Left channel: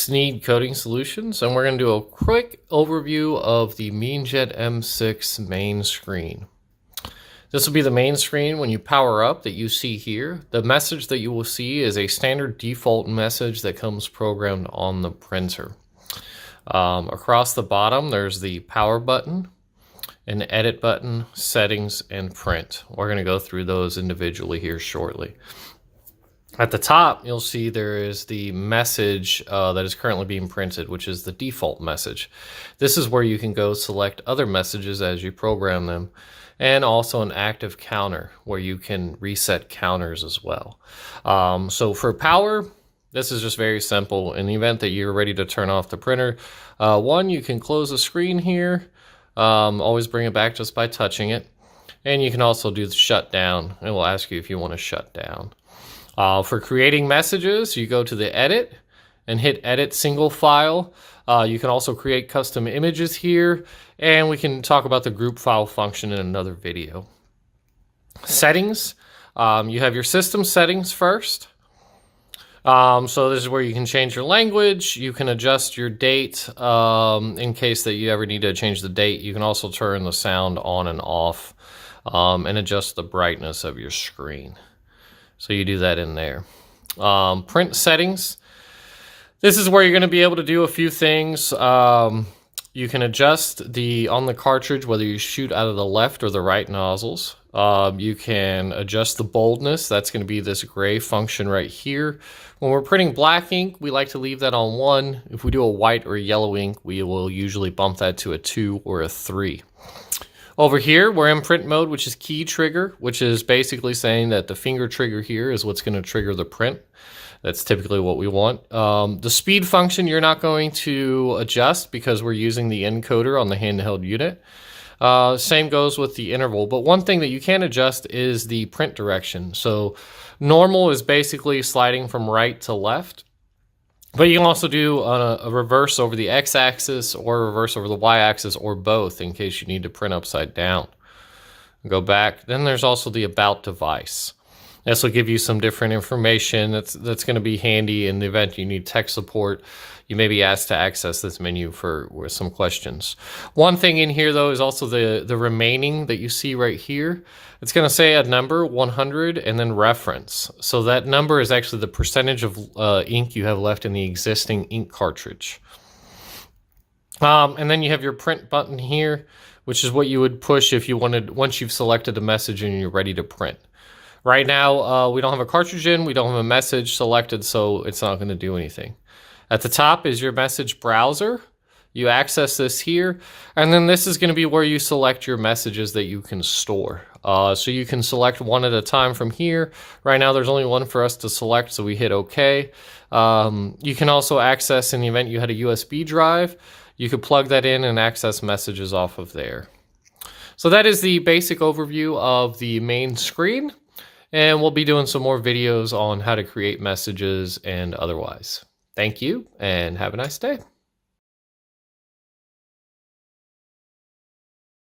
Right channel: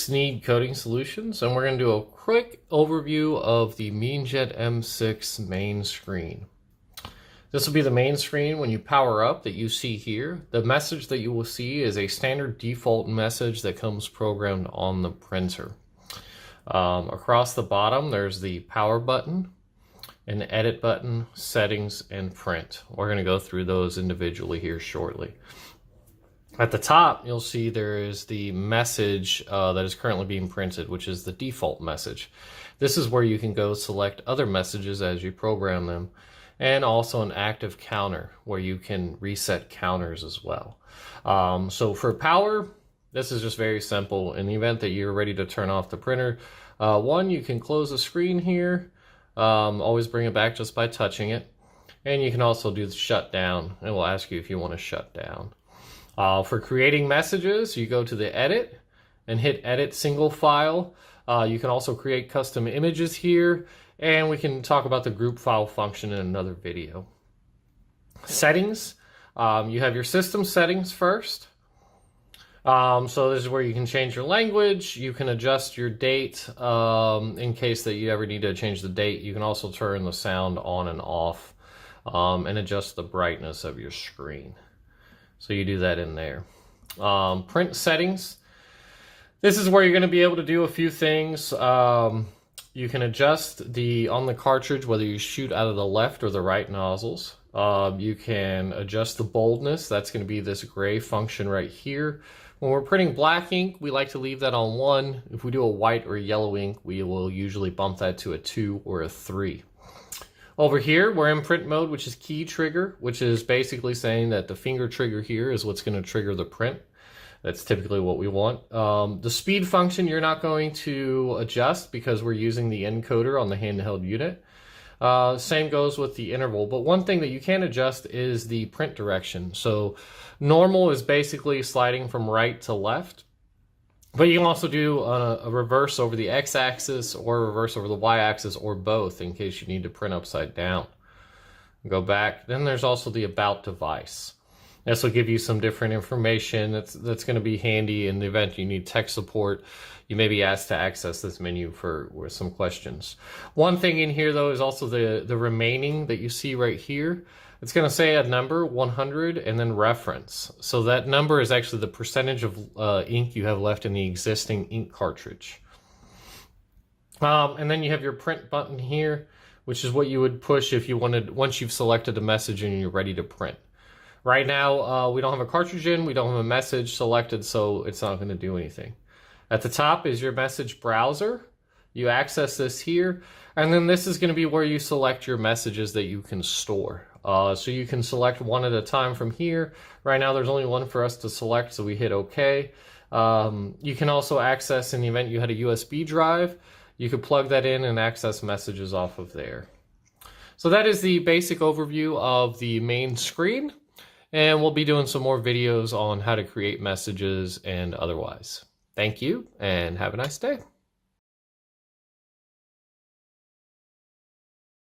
Sneed Coding Solutions, and we're going to do a quick overview of the Meenjet M6 main screen. This will be the main screen when you power up that you see here. The message that you will see is a standard default message that comes programmed on the printer. Across the bottom, there's the power button, an edit button, settings, and print. We're going to go through those individually here shortly. At the top, you'll see there is the message that is currently being printed, which is the default message. This is where you can go select other messages as you program them, and also an active counter where you can reset counters as well. So for power, this is just very simple. In the event that you're ready to turn off the printer, one, you can close the screen here, always bring it back just by touching it, and you can also do the shutdown. It will ask you if you want to shut down. For creating messages, you go to the edit and hit edit single file. You can also create custom images here, and we can talk about the group file function in another video. Settings, you have your system settings first. So this is where you can change your language. You can adjust your date in case that you ever need to change the date. You can also turn the sound on and off and adjust the brightness of your screen. So you do that in there. Print settings. This is where you're going to be able to do a few things. You can adjust on the cartridge whether you shoot out of the left or the right nozzles. You can adjust the boldness. That's going to be this gray function right here. When we're printing black ink, we like to leave that on 1. If we do a white or yellow ink, we will usually bump that to a 2 or a 3. Over here, we're in print mode, which is key trigger, which is basically saying that the finger trigger here is what's going to trigger the print. That's typically what we want. The speed function you're not going to adjust because we're using the encoder on the handheld unit. Same goes with the interval, but one thing that you can adjust is the print direction. So normal is basically sliding from right to left. But you can also do a reverse over the x-axis or a reverse over the y-axis or both in case you need to print upside down. Go back. Then there's also the about device. This will give you some different information that's going to be handy in the event you need tech support. You may be asked to access this menu with some questions. One thing in here, though, is also the remaining that you see right here. It's going to say a number, 100, and then reference. So that number is actually the percentage of ink you have left in the existing ink cartridge. And then you have your print button here, which is what you would push if you wanted, once you've selected a message and you're ready to print. Right now, we don't have a cartridge in, we don't have a message selected, so it's not going to do anything. At the top is your message browser. You access this here, and then this is going to be where you select your messages that you can store. So you can select one at a time from here. Right now there's only one for us to select, so we hit OK. You can also access, in the event you had a USB drive, you could plug that in and access messages off of there. So that is the basic overview of the main screen, and we'll be doing some more videos on how to create messages and otherwise. Thank you, and have a nice day.